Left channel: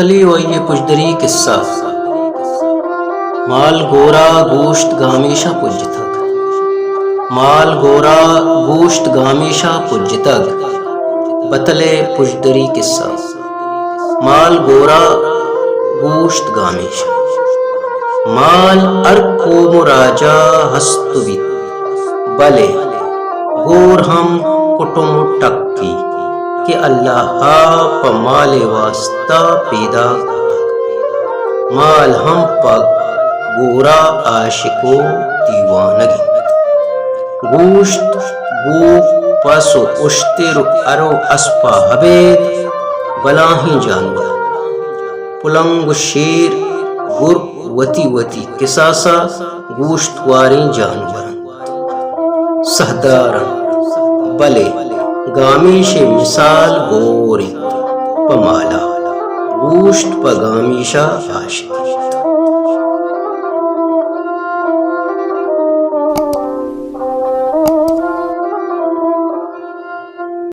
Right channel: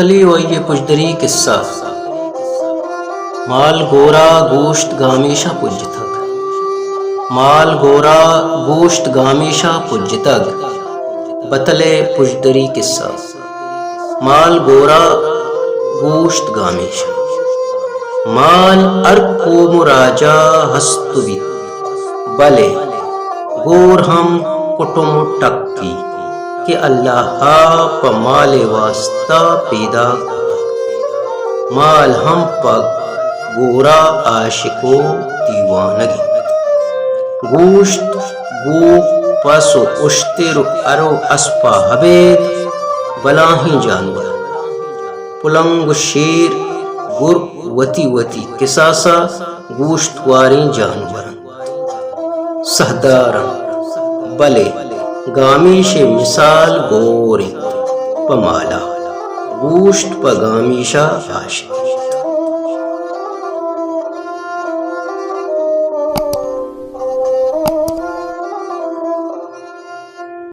پتلی و یہ پجدری قصہ مال گورا گوشت گامیشا پجتگ مال گورا گوشت گامیشا پجتگ بتلے پجدری قصہ مال گورا گوشت گامیشا مال ارکو مراجا ہستوی بلے گور ہم کٹم ٹکی کہ اللہ پا مال واسطہ پیدا مال ہم پا گورا عاشقو دیوانگی گوشت گو پسو اشتر ارو اسپا حبید بلاہی جانور پلنگ شیر گر وتی وتی قصاصا گوشت واری جانور سہدارن بلے گامیش مثال گورے پمالا گوشت پا گامیشا عاشق